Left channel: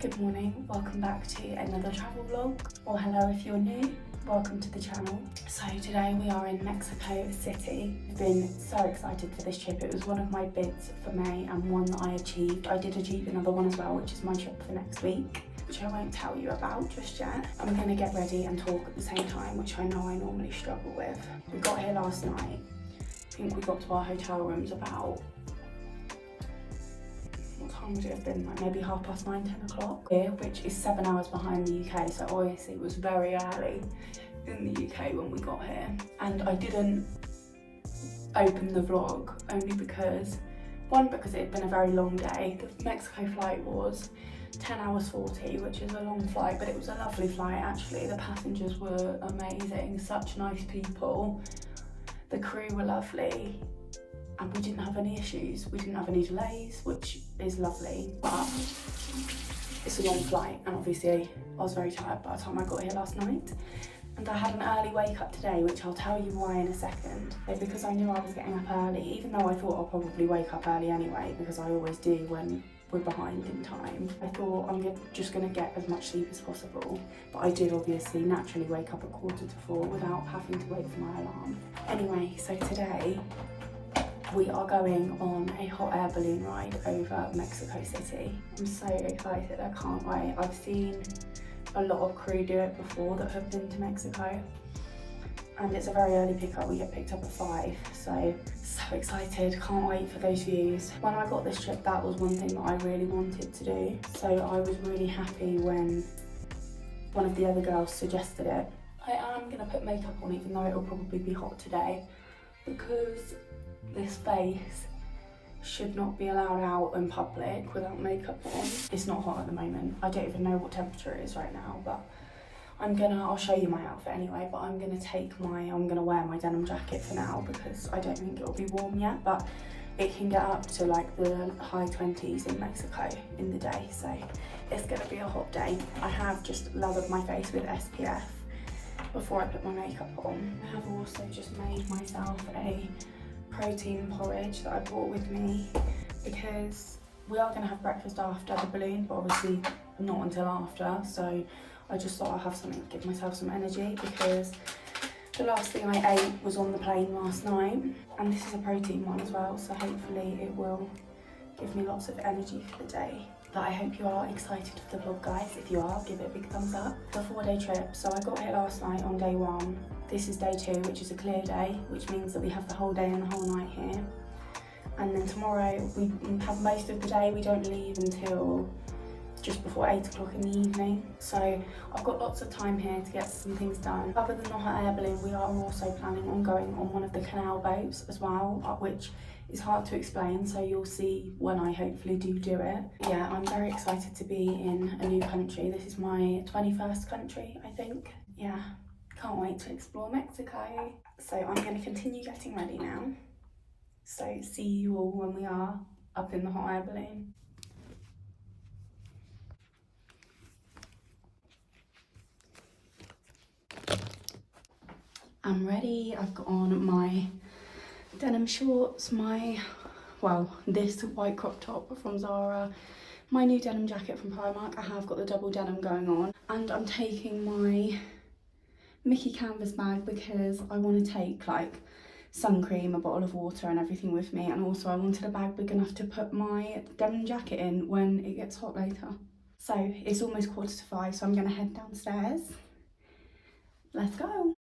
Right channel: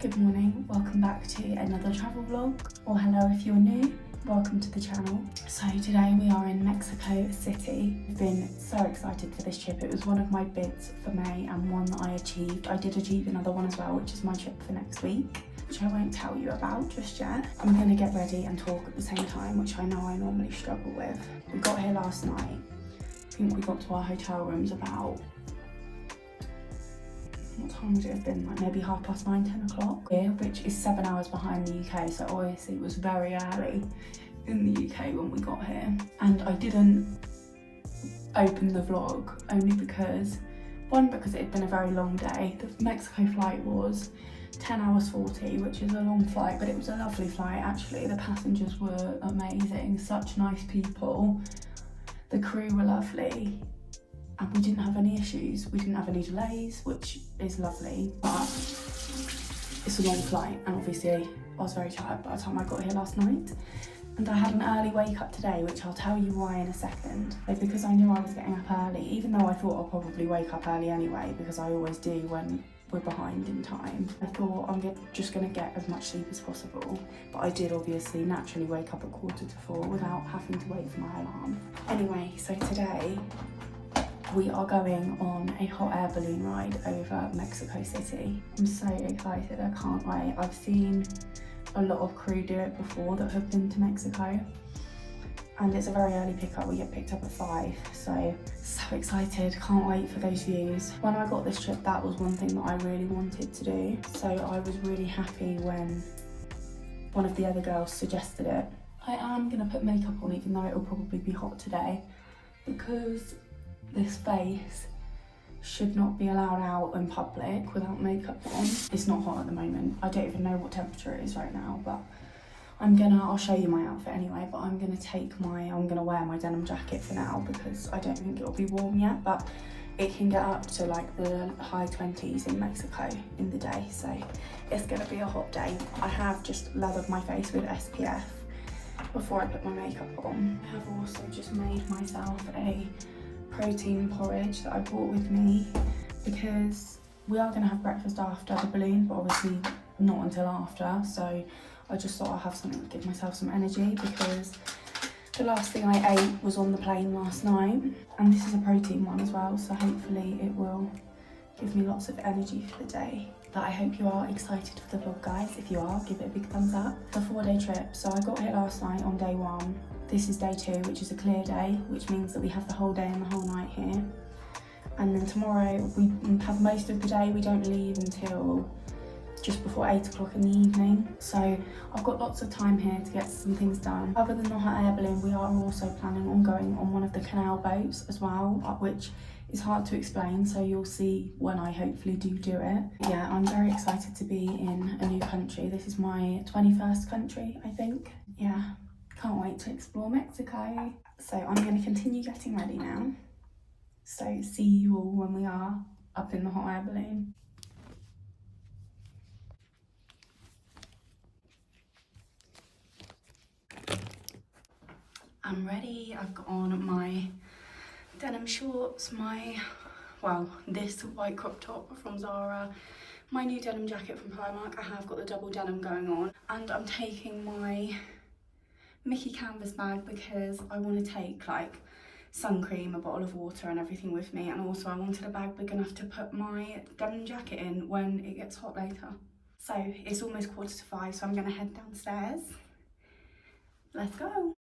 Good morning, welcome back to another travel vlog, or hello if you're new, welcome to the channel. So today we are in Mexico City. I've been so excited for this trip. It was one of my bids for May and one that I achieved. I did achieve another one as well, which is my trip for next week, which I won't tell you about just yet. I'm going to get ready and talk at the same time, which I know I normally struggle with. We got here last night. I think we got to our hotel rooms about, what time would it have been, like maybe 9:30, 10 o'clock here, which is 7 hours behind the UK, so obviously it was very early in the UK when we got here. And I didn't open the vlog only because, one, because it had been a very long day. The Mexico flight was 10 hours 40, which is a long flight, but it was a lovely flight actually. The passengers were amazing, such nice people. The crew were lovely. And we didn't have any issues, we didn't have any delays, which is lovely, but it's a long flight, and obviously I was very tired by the time I got here last night. And I had an early wake up today, which I'll tell you why in a second. But because I knew I was getting up early, even though I thought I'll probably wake up early anyway, because I always do when we're behind in time, I thought I'm just gonna get as much sleep as possible. But I did obviously naturally wake up at 3:45 without having to wait for my alarm. Anyway, so today, we are going on a hot air balloon ride over Mexico City. I'm so excited, I can't wait. I've seen a lot of crew do it before that have been to Mexico. And it's a very early pickup, we get picked up at 5. So excited, can't wait for those views. When I got this trip, that was one thing that I really wanted to do. So I was really happy when one of the other girls suggested it. I am gonna put makeup on even though it'll probably be hot today, because this face should not be allowed out in public without makeup on. It's not hot at the moment. I don't even know what temperature it is right now, but I'll show you my outfit anyway, but I'm gonna wear my denim jacket for now because I don't think it'll be warm yet, but it can get up to like the high 20s in Mexico in the day, so it's gonna be a hot day. I have just lathered my face with SPF before I put my makeup on. I have also just made myself a protein porridge that I brought with me because we are going to have breakfast after the balloon, but obviously not until after, so I just thought I'd have something to give myself some energy because the last thing I ate was on the plane last night, and this is a protein one as well, so hopefully it will give me lots of energy for the day. But I hope you are excited for the vlog, guys. If you are, give it a big thumbs up. It's a 4-day trip, so I got here last night on day 1. This is day 2, which is a clear day, which means that we have the whole day and the whole night here. And then tomorrow we have most of the day. We don't leave until just before 8 o'clock in the evening. So I've got lots of time here to get some things done. Other than the hot air balloon, we are also planning on going on one of the Canal boats as well, which is hard to explain, so you'll see when I hopefully do it. Yeah, I'm very excited to be in a new country. This is my 21st country, I think. Yeah, can't wait to explore Mexico. So I'm going to continue getting ready now. So see you all when we are up in the hot air balloon. I'm ready. I've got on my denim shorts, this white crop top from Zara, my new denim jacket from Primark. I have got the double denim going on, and I'm taking my Mickey canvas bag because I want to take like sun cream, a bottle of water and everything with me, and also I wanted a bag big enough to put my denim jacket in when it gets hot later. So it's almost 4:45, so I'm going to head downstairs. Let's go.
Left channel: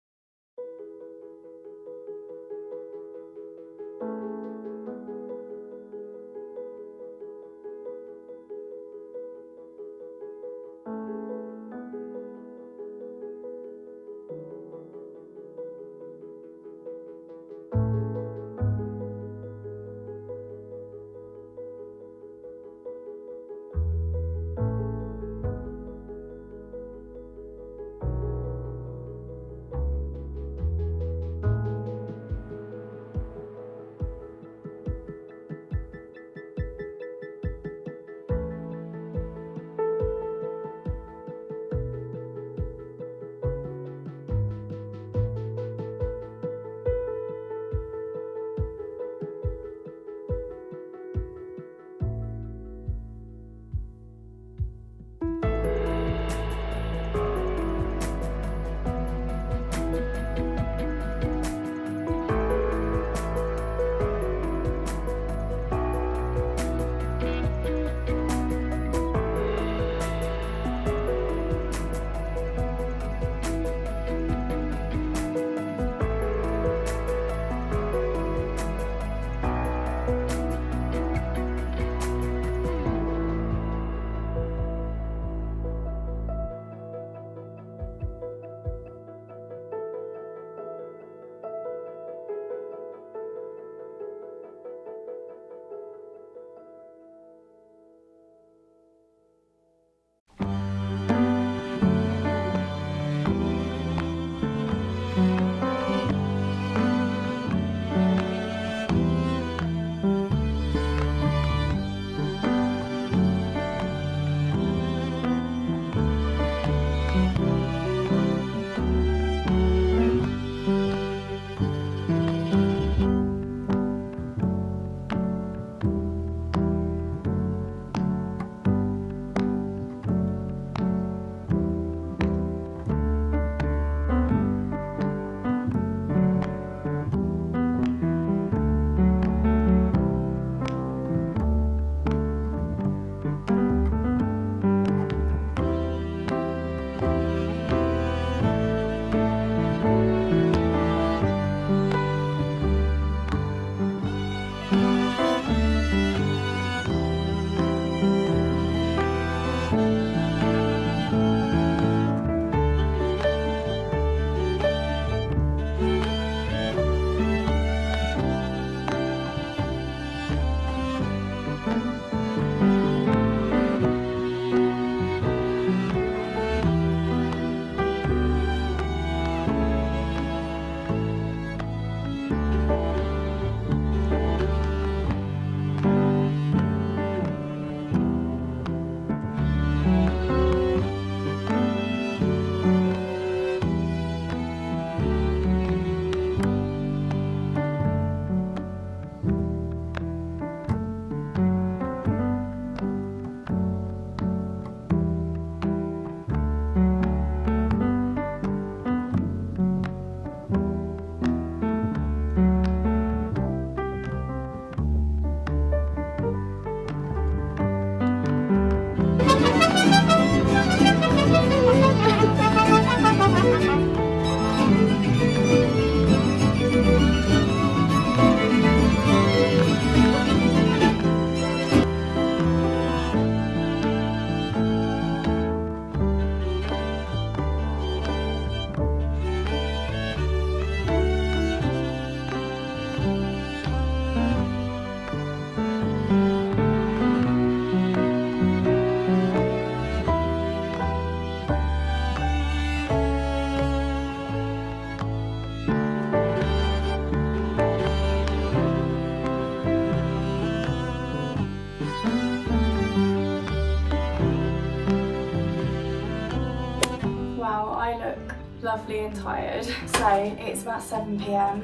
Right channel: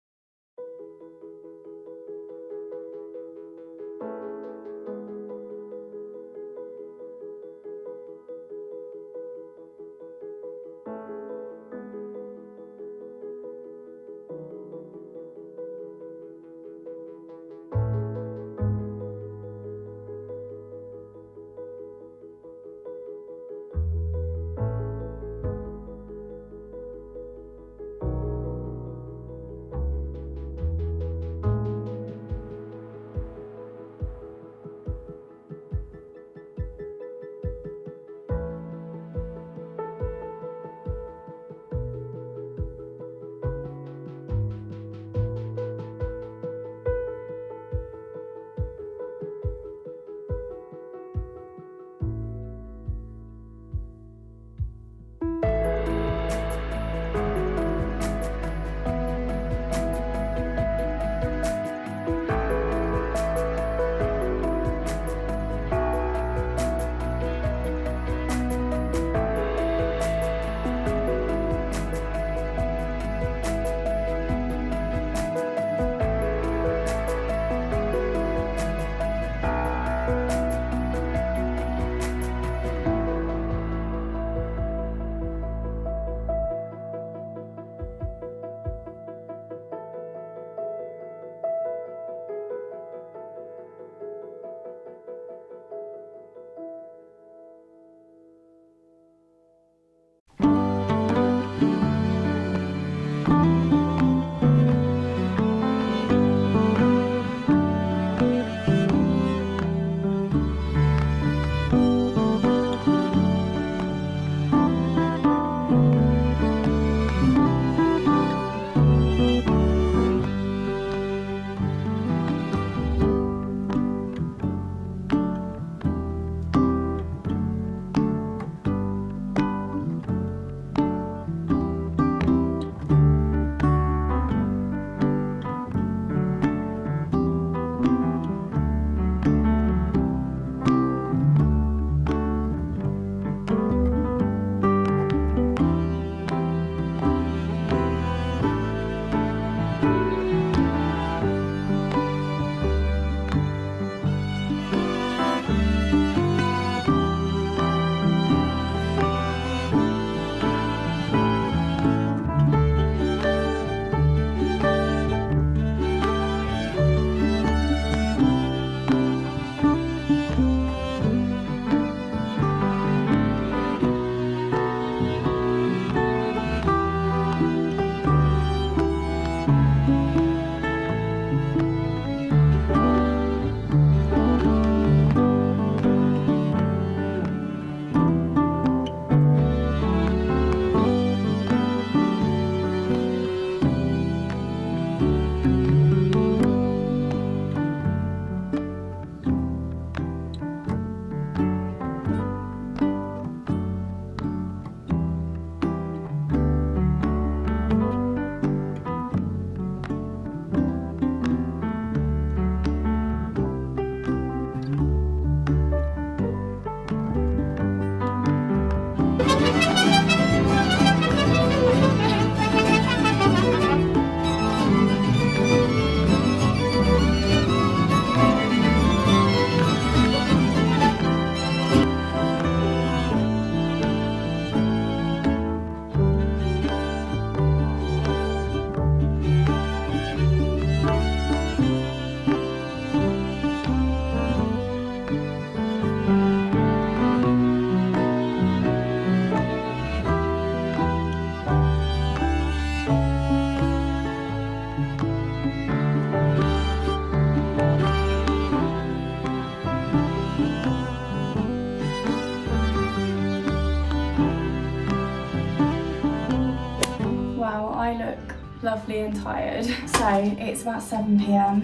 lovely and tired. So it's about 7 p.m.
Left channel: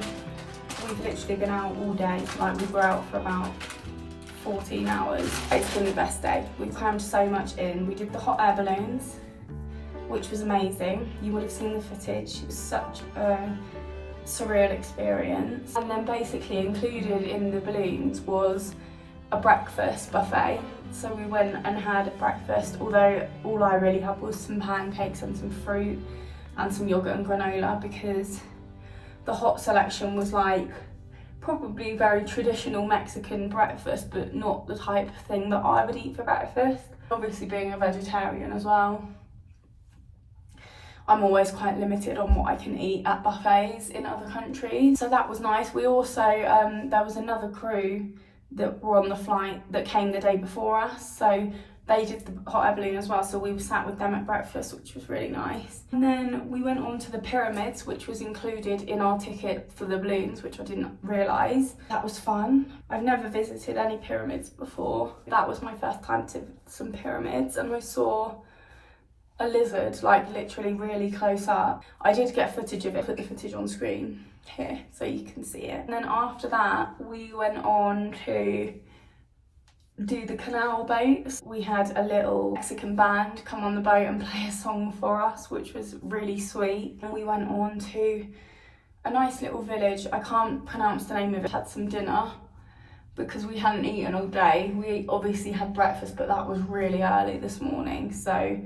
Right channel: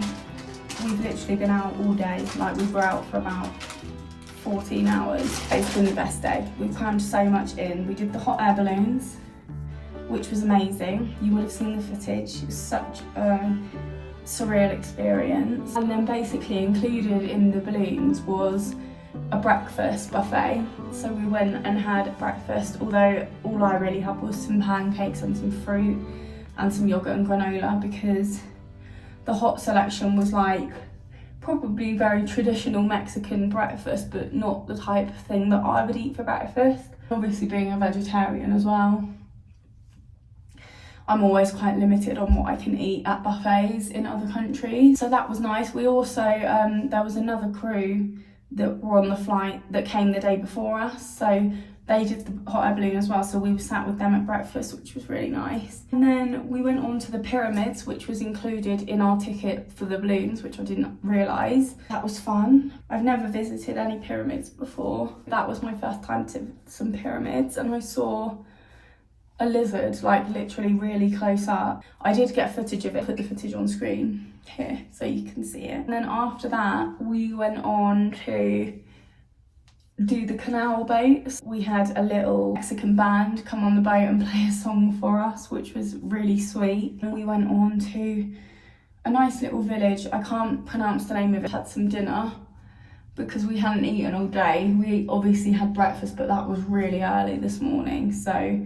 We've literally been out all day. Like, we were out for about 14 hours. It's been the best day. We've crammed so much in. We did the hot air balloons, which was amazing. You would have seen the footage. It was such a surreal experience. And then basically included in the balloons was a breakfast buffet. So we went and had breakfast, although all I really had was some pancakes and some fruit and some yogurt and granola, because the hot selection was like probably very traditional Mexican breakfast, but not the type of thing that I would eat for breakfast. Obviously, being a vegetarian as well, I'm always quite limited on what I can eat at buffets in other countries. So that was nice. We also, there was another crew that were on the flight that came the day before us. So they did the hot air balloon as well. So we were sat with them at breakfast, which was really nice. And then we went on to the pyramids, which was included in our ticket for the balloons, which I didn't realise. That was fun. I've never visited any pyramids before. That was my first time to some pyramids, and I saw a lizard, like literally really close up. I did get footage of it, put the footage on screen here so you can see it. And then after that, we went on to do the Canal boats. We had a little Mexican band come on the boat and play a song for us, which was really sweet. And we went on to a nice little village. I can't pronounce the name of it. Had some dinner because we hadn't eaten all day. We obviously had breakfast, but that was really early this morning, so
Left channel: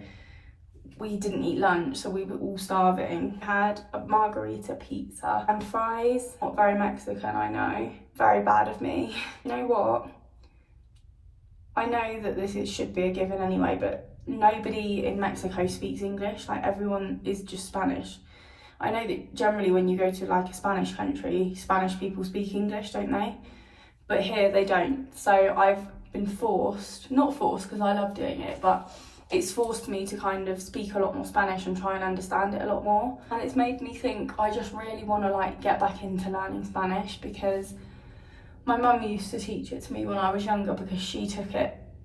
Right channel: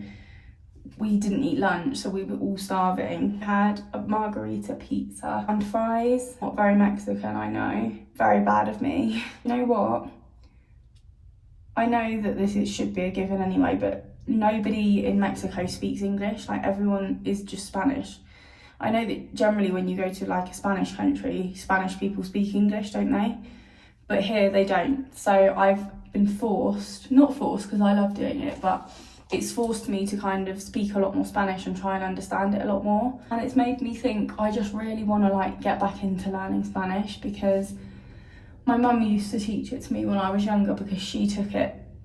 we didn't eat lunch, so we were all starving. Had a margarita pizza and fries. Not very Mexican, I know. Very bad of me. You know what? I know that should be a given anyway, but nobody in Mexico speaks English. Like, everyone is just Spanish. I know that generally when you go to like a Spanish country, Spanish people speak English, don't they? But here they don't. So I've been forced, not forced because I love doing it, but it's forced me to kind of speak a lot more Spanish and try and understand it a lot more. And it's made me think I just really want to like get back into learning Spanish, because my mum used to teach it to me when I was younger, because she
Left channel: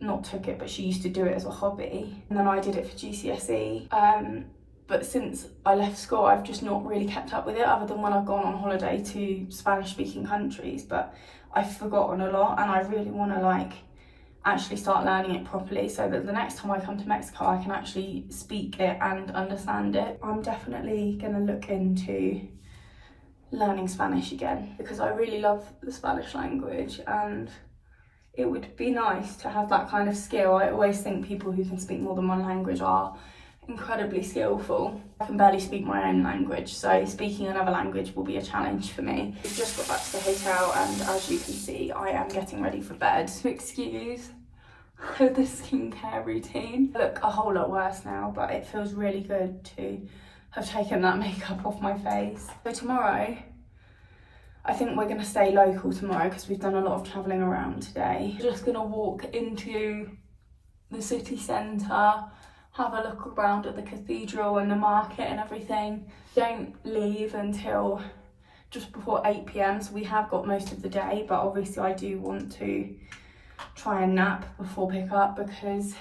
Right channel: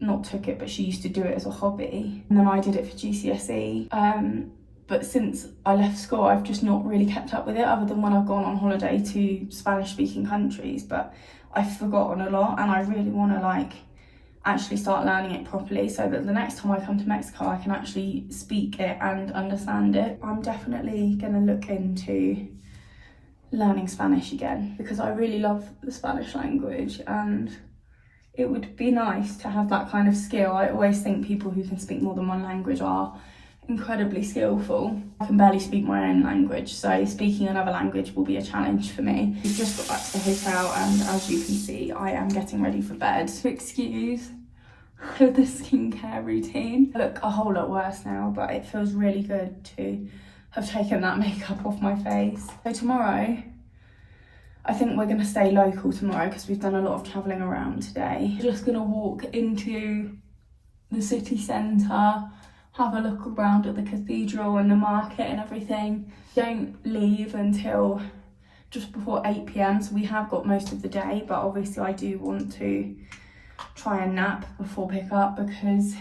but she used to do it as a hobby. And then I did it for GCSE. But since I left school, I've just not really kept up with it, other than when I've gone on holiday to Spanish speaking countries. But I've forgotten a lot, and I really want to like actually start learning it properly, so that the next time I come to Mexico I can actually speak it and understand it. I'm definitely going to look into learning Spanish again, because I really love the Spanish language, and it would be nice to have that kind of skill. I always think people who can speak more than one language are incredibly skillful. I can barely speak my own language, so speaking another language will be a challenge for me. We've just got back to the hotel, and as you can see, I am getting ready for bed. Excuse the skincare routine. I look a whole lot worse now, but it feels really good to have taken that makeup off my face. So tomorrow, I think we're gonna stay local tomorrow because we've done a lot of traveling around today. Just gonna walk into the city centre, have a look around at the cathedral and the market and everything. Don't leave until just before 8 p.m, so we have got most of the day, but obviously I do want to try and nap before pick up, because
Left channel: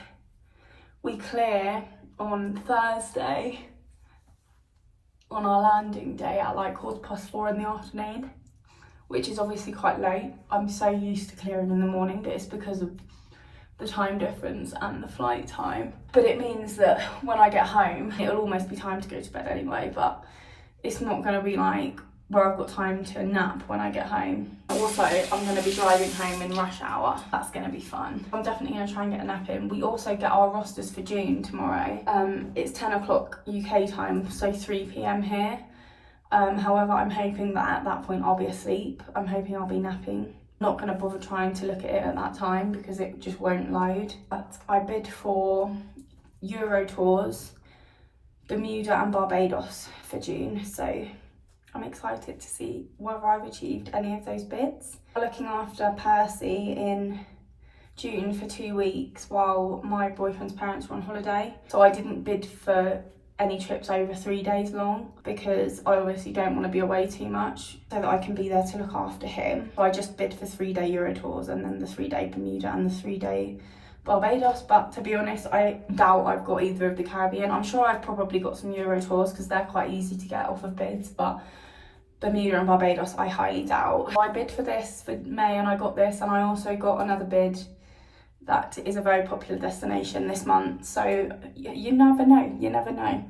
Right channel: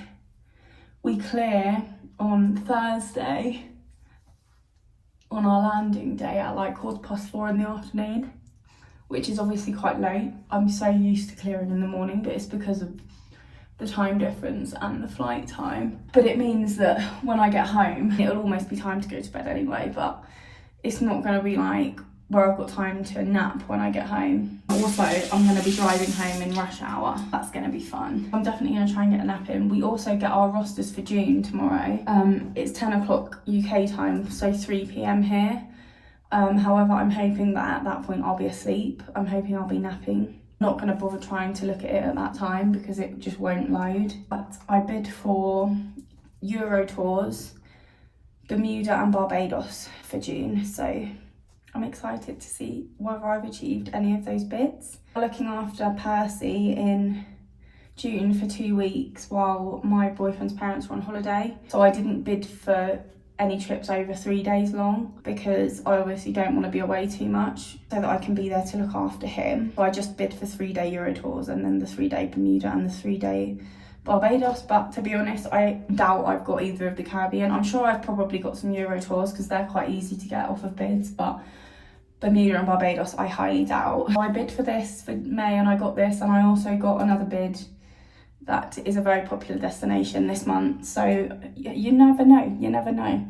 we clear on Thursday on our landing day at like 4:15 in the afternoon, which is obviously quite late. I'm so used to clearing in the morning, but it's because of the time difference and the flight time. But it means that when I get home, it'll almost be time to go to bed anyway, but it's not going to be like where I've got time to nap when I get home. Also, I'm going to be driving home in rush hour. That's going to be fun. I'm definitely going to try and get a nap in. We also get our rosters for June tomorrow. It's 10 o'clock UK time, so 3 p.m. here. However, I'm hoping that at that point I'll be asleep. I'm hoping I'll be napping. Not going to bother trying to look at it at that time because it just won't load. But I bid for Euro tours, Bermuda and Barbados for June, so I'm excited to see whether I've achieved any of those bids. Looking after Percy in June for 2 weeks while my boyfriend's parents were on holiday. So I didn't bid for any trips over 3 days long because I obviously don't want to be away too much, so that I can be there to look after him. So I just bid for 3-day Euro tours and then the 3-day Bermuda and the 3-day Barbados, but to be honest, I doubt I've got either of the Caribbean. I'm sure I've probably got some Euro tours because they're quite easy to get off of bids, but Bermuda and Barbados I highly doubt. I bid for this for May and I got this, and I also got another bid that is a very popular destination this month, so you never know, you never know.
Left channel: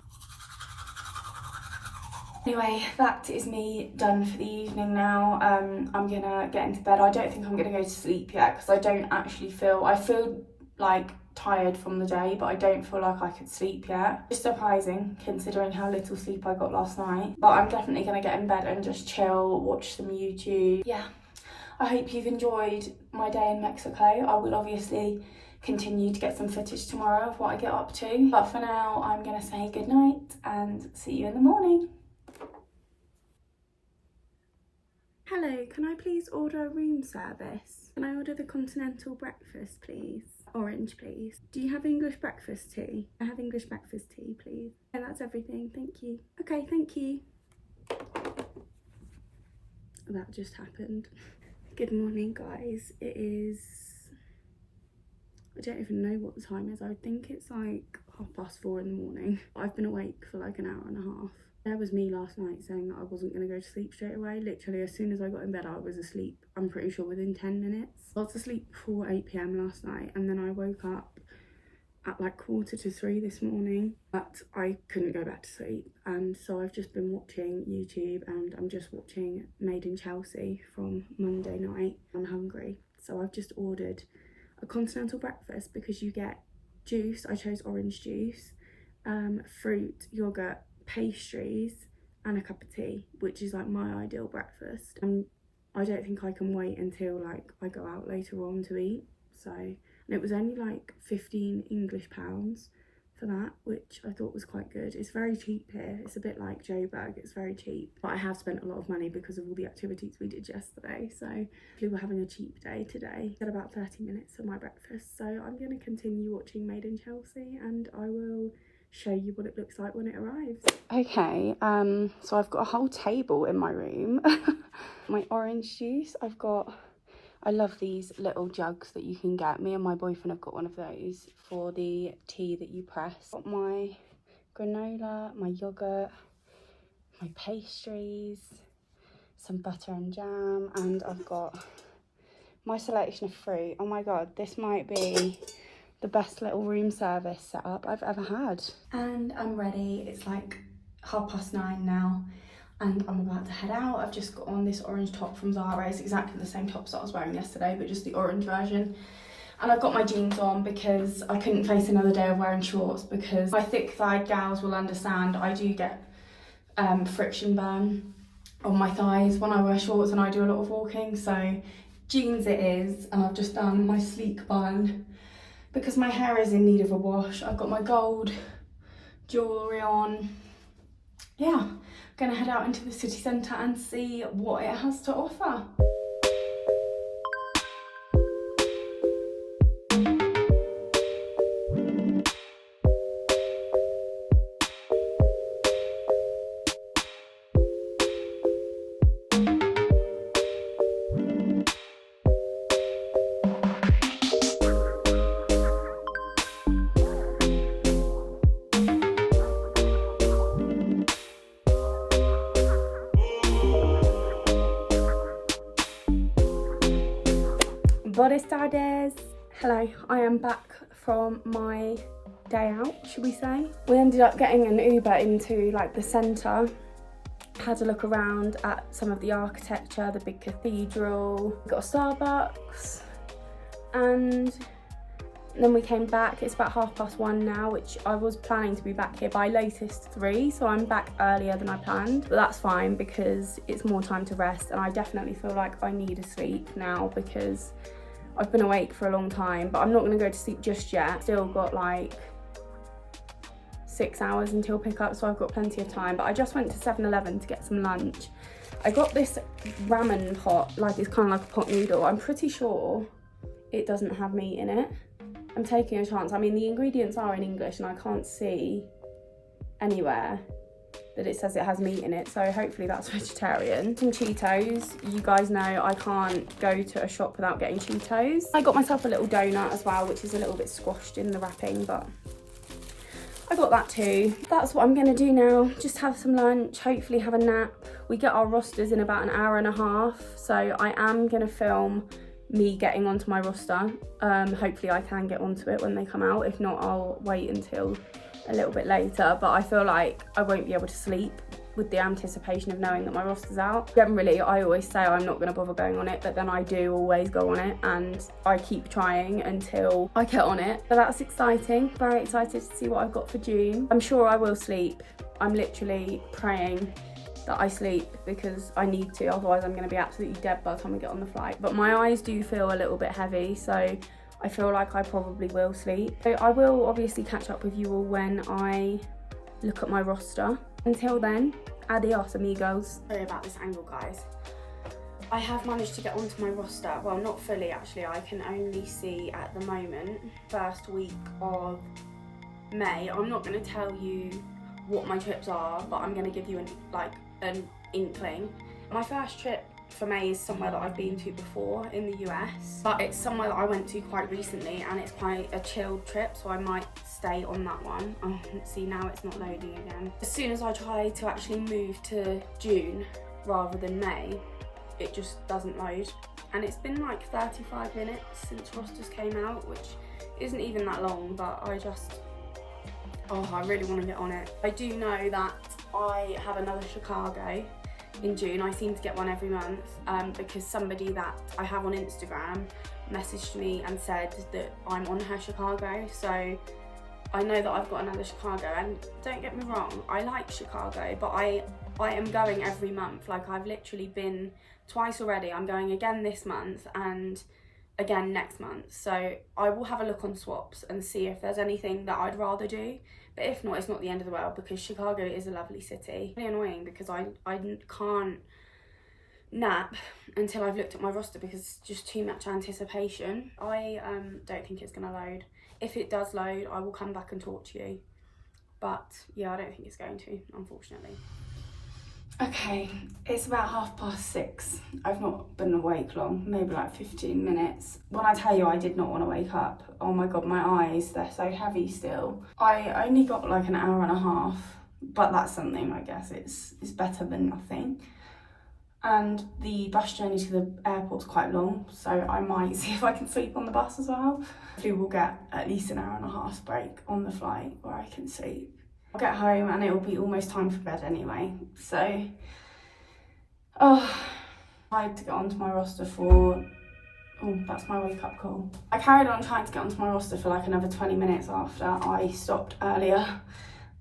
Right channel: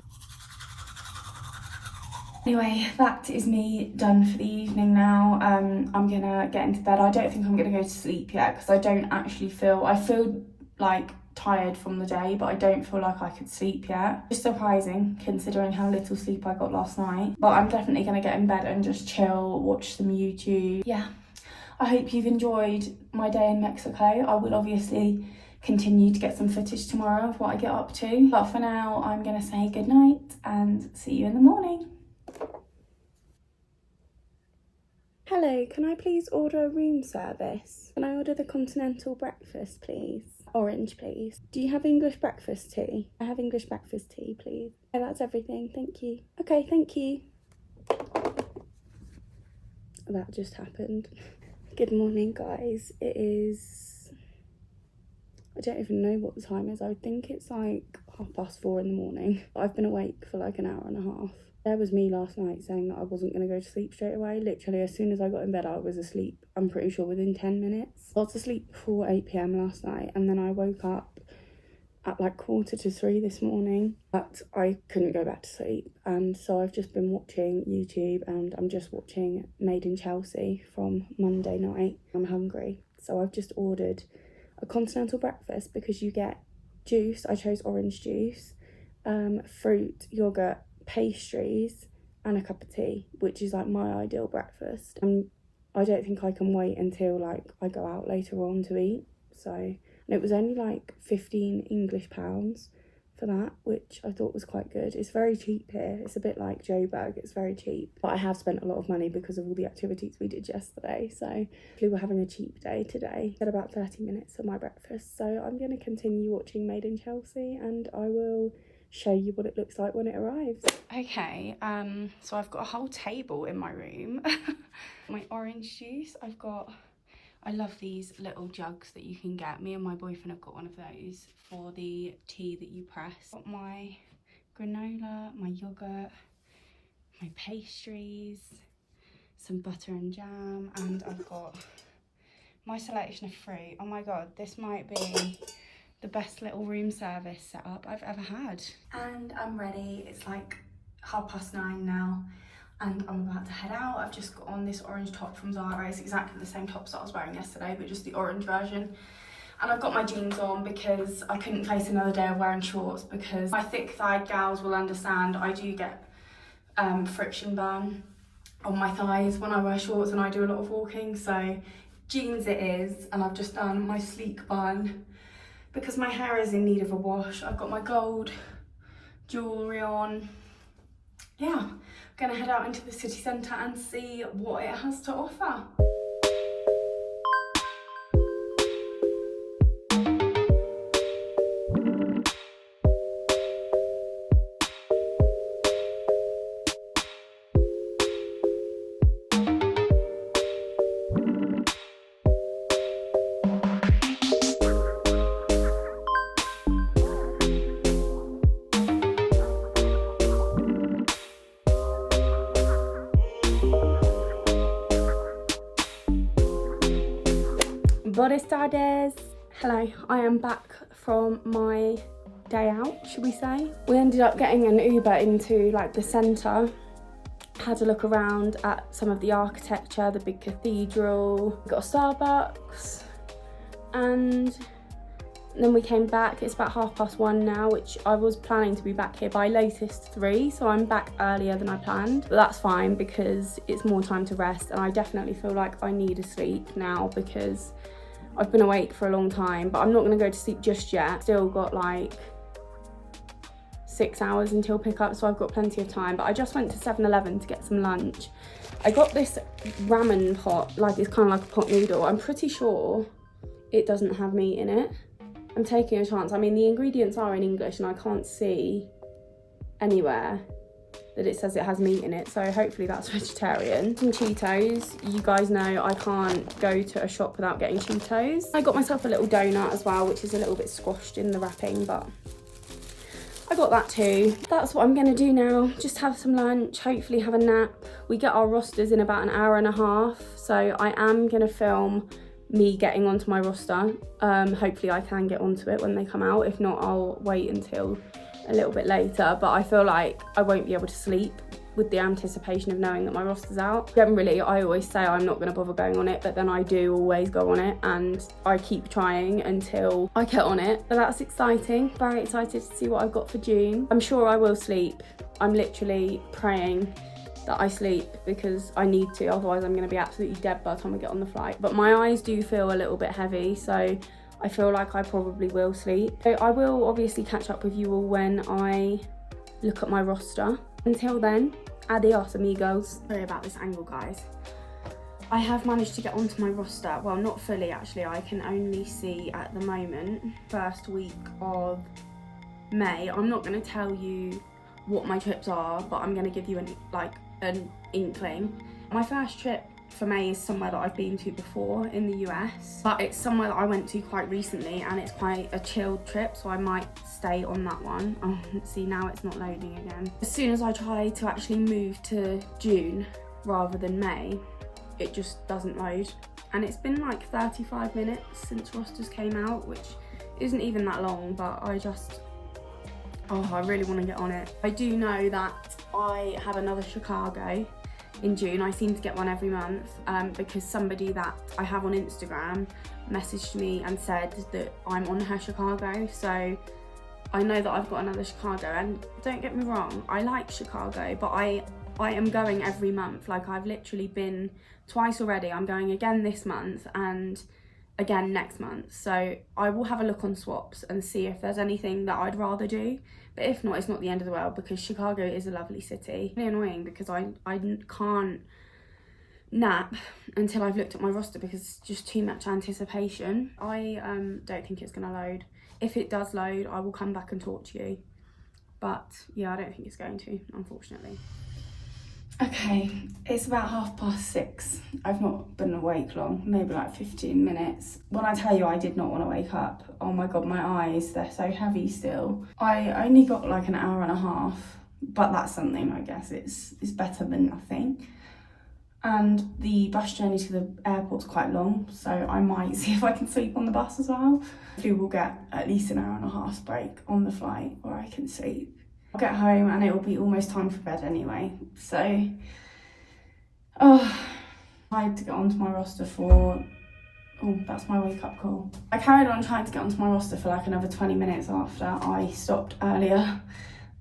Anyway, that is me done for the evening now. I'm gonna get into bed. I don't think I'm gonna go to sleep yet because I don't actually I feel like tired from the day, but I don't feel like I could sleep yet. It's surprising considering how little sleep I got last night, but I'm definitely gonna get in bed and just chill, watch some YouTube. Yeah, I hope you've enjoyed my day in Mexico. I will obviously continue to get some footage tomorrow of what I get up to, but for now I'm gonna say good night and see you in the morning. Hello, can I please order a room service? Can I order the continental breakfast, please? Orange, please. Do you have English breakfast tea? I have English breakfast tea, please. Okay, that's everything, thank you. Okay, thank you. That just happened. Good morning, guys. It is... I don't even know what the time is. I think it's like 4:30 in the morning. I've been awake for like an hour and a half. There was me last night saying that I wasn't going to go to sleep straight away. Literally, as soon as I got in bed, I was asleep. I'm pretty sure within 10 minutes. I was asleep before 8 p.m. last night, and then I woke up at like 2:45 this morning, but I couldn't go back to sleep. And so I've just been watching YouTube, and I'm just watching Made in Chelsea from Monday night. I'm hungry, so I've just ordered a continental breakfast because you get juice. I chose orange juice, fruit, yogurt, pastries and a cup of tea, which is like my ideal breakfast. And I don't think I can wait until like I go out later on to eat. So, and it was only like 15 English pounds for that, which I thought was quite good. It's very cheap here. It's a bit like Joburg, it's very cheap, but I have spent a lot of money because of all the activities we did yesterday. So we were having a cheap day today. Got about 30 minutes for my breakfast, so I'm going to continue watching Made in Chelsea, and I will show you what it looks like when it arrives. Okay, so I've got a whole table in my room. My orange juice, I love these little jugs that you can get. Me and my boyfriend have got one of those for the tea that you press. Got my granola, my yogurt, my pastries, some butter and jam, and I've got my selection of fruit. Oh my god, this might be the best little room service setup I've ever had. And I'm ready. It's like 9:30 now, and I'm about to head out. I've just got on this orange top from Zara. It's exactly the same tops that I was wearing yesterday, but just the orange version. And I've got my jeans on because I couldn't face another day of wearing shorts, because my thick-thighed gals will understand I do get friction burn on my thighs when I wear shorts and I do a lot of walking. So jeans it is, and I've just done my sleek bun because my hair is in need of a wash. I've got my gold jewellery on. Yeah, I'm gonna head out into the city centre and see what it has to offer. Buenas tardes. Hello, I am back from my day out, should we say. We ended up getting an Uber into like the centre, had a look around at some of the architecture, the big cathedral, got a Starbucks, and then we came back. It's about 1:30 now, which I was planning to be back here by latest 3, so I'm back earlier than I planned, but that's fine because it's more time to rest, and I definitely feel like I need a sleep now because I've been awake for a long time. But I'm not going to go to sleep just yet. Still got like 6 hours until pickup, so I've got plenty of time. But I just went to 7-Eleven to get some lunch. I got this ramen pot, like it's kind of like a pot noodle. I'm pretty sure it doesn't have meat in it. I'm taking a chance. I mean, the ingredients are in English and I can't see anywhere that it says it has meat in it, so hopefully that's vegetarian. Some Cheetos. You guys know I can't go to a shop without getting Cheetos. I got myself a little donut as well, which is a little bit squashed in the wrapping, but I got that too. That's what I'm gonna do now. Just have some lunch, hopefully have a nap. We get our rosters in about an hour and a half, so I am gonna film me getting onto my roster. Hopefully I can get onto it when they come out. If not, I'll wait until a little bit later, but I feel like I won't be able to sleep with the anticipation of knowing that my roster's out. Generally, I always say I'm not going to bother going on it, but then I do always go on it, and I keep trying until I get on it. But that's exciting. Very excited to see what I've got for June. I'm sure I will sleep. I'm literally praying that I sleep because I need to, otherwise I'm going to be absolutely dead by the time I get on the flight. But my eyes do feel a little bit heavy, so I feel like I probably will sleep. So I will obviously catch up with you all when I look at my roster. Until then, adios amigos. Sorry about this angle, guys. I have managed to get onto my roster. Well, not fully actually. I can only see at the moment, first week of May. I'm not going to tell you what my trips are, but I'm going to give you an inkling. My first trip for May is somewhere that I've been to before in the US, but it's somewhere that I went to quite recently and it's quite a chilled trip, so I might stay on that one. Oh, see, now it's not loading again. As soon as I try to actually move to June rather than May, it just doesn't load. And it's been like 35 minutes since rosters came out, which isn't even that long, but I really want to get on it. I do know that I have another Chicago in June. I seem to get one every month because somebody that I have on Instagram messaged me and said that I'm on her Chicago, so I know that I've got another Chicago. And don't get me wrong, I like Chicago, but I am going every month. Like, I've literally been twice already. I'm going again this month and again next month, so I will have a look on swaps and see if there's anything that I'd rather do. But if not, it's not the end of the world because Chicago is a lovely city. It's really annoying because I can't nap until I've looked at my roster because it's just too much anticipation. I don't think it's going to load. If it does load, I will come back and talk to you. But yeah, I don't think it's going to, unfortunately. Okay, it's about 6:30. I've not been awake long, maybe like 15 minutes. When I tell you I did not want to wake up, oh my god, my eyes, they're so heavy still. I only got like an hour and a half, but that's something, I guess. It's better than nothing. And the bus journey to the airport's quite long, so I might see if I can sleep on the bus as well. Hopefully we'll get at least an hour and a half break on the flight where I can sleep. I'll get home and it will be almost time for bed anyway, so I had to get onto my roster for, that's my wake up call. I carried on trying to get onto my roster for like another 20 minutes after I stopped earlier,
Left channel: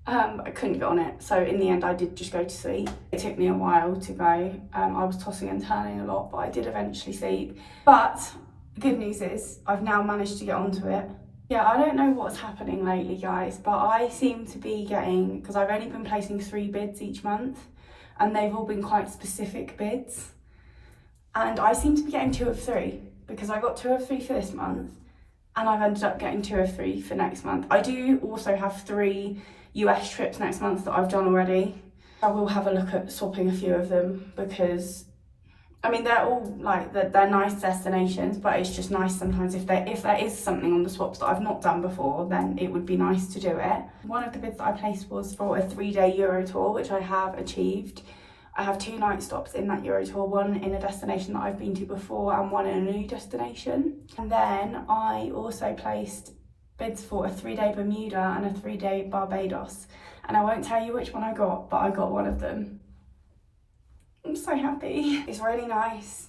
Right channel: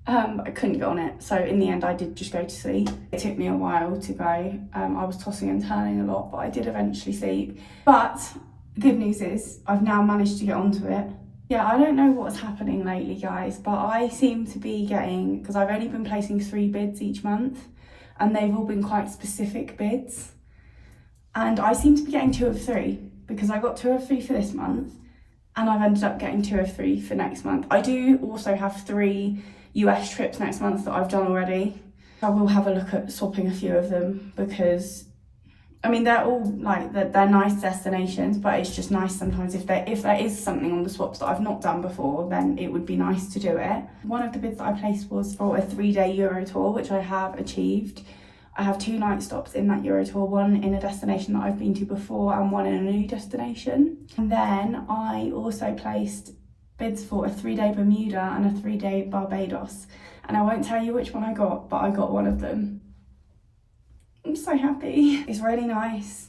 but I couldn't get on it, so in the end I did just go to sleep. It took me a while to go. I was tossing and turning a lot, but I did eventually sleep. But the good news is I've now managed to get onto it. Yeah, I don't know what's happening lately, guys, but I seem to be getting, because I've only been placing 3 bids each month, and they've all been quite specific bids. And I seem to be getting 2 of 3, because I got 2 of 3 for this month, and I've ended up getting 2 of 3 for next month. I do also have 3 US trips next month that I've done already. I will have a look at swapping a few of them because, I mean, they're all like, they're nice destinations, but it's just nice sometimes if there is something on the swaps that I've not done before, then it would be nice to do it. One of the bids that I placed was for a 3-day Euro tour, which I have achieved. I have 2 night stops in that Euro tour, one in a destination that I've been to before and one in a new destination. And then I also placed bids for a 3-day Bermuda and a 3-day Barbados. And I won't tell you which one I got, but I got one of them. I'm so happy. It's really nice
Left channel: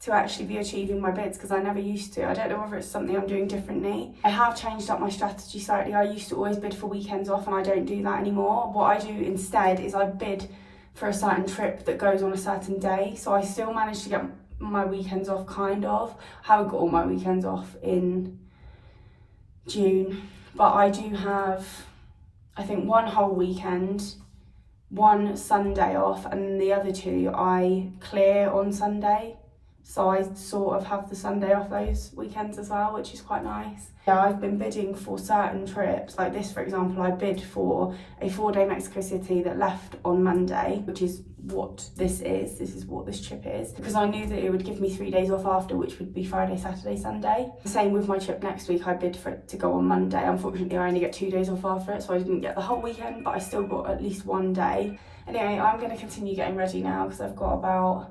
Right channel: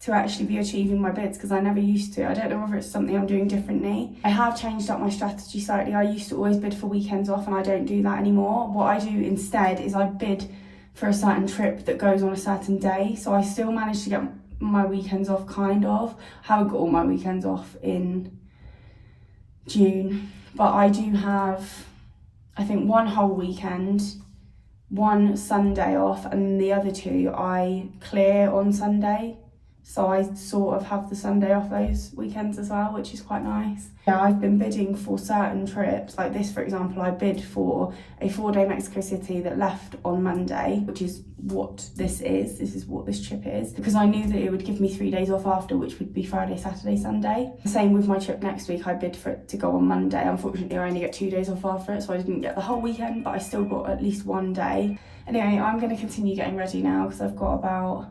to actually be achieving my bids because I never used to. I don't know whether it's something I'm doing differently. I have changed up my strategy slightly. I used to always bid for weekends off and I don't do that anymore. What I do instead is I bid for a certain trip that goes on a certain day. So I still manage to get my weekends off, kind of. I haven't got all my weekends off in June, but I do have, I think, 1 whole weekend, 1 Sunday off, and the other 2 I clear on Sunday. So I sort of have the Sunday off those weekends as well, which is quite nice. Yeah, I've been bidding for certain trips. Like this, for example, I bid for a 4-day Mexico City that left on Monday, which is what this is. This is what this trip is. Because I knew that it would give me 3 days off after, which would be Friday, Saturday, Sunday. Same with my trip next week. I bid for it to go on Monday. Unfortunately, I only get 2 days off after it, so I didn't get the whole weekend, but I still got at least 1 day. Anyway, I'm going to continue getting ready now because I've got about...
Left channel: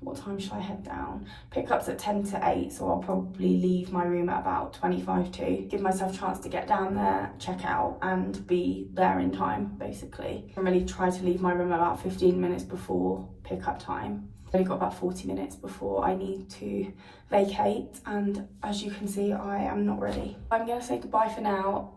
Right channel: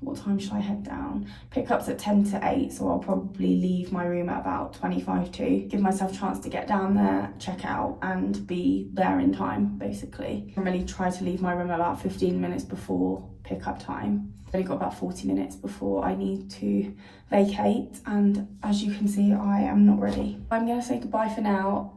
What time should I head down? Pickup's at 10 to 8, so I'll probably leave my room at about 25 to. Give myself a chance to get down there, check out, and be there in time, basically. I really try to leave my room about 15 minutes before pickup time. I've only got about 40 minutes before I need to vacate, and as you can see, I am not ready. I'm going to say goodbye for now.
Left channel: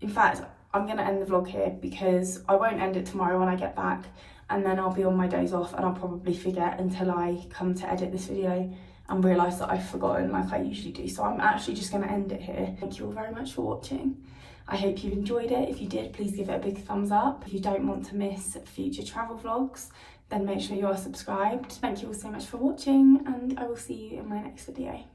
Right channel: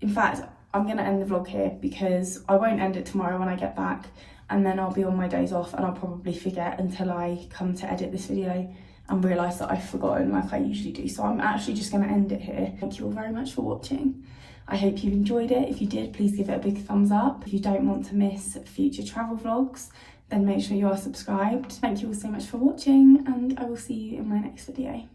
In fact, I'm going to end the vlog here because I won't end it tomorrow when I get back. And then I'll be on my days off and I'll probably forget until I come to edit this video and realise that I've forgotten like I usually do. So I'm actually just going to end it here. Thank you all very much for watching. I hope you've enjoyed it. If you did, please give it a big thumbs up. If you don't want to miss future travel vlogs, then make sure you are subscribed. Thank you all so much for watching, and I will see you in my next video.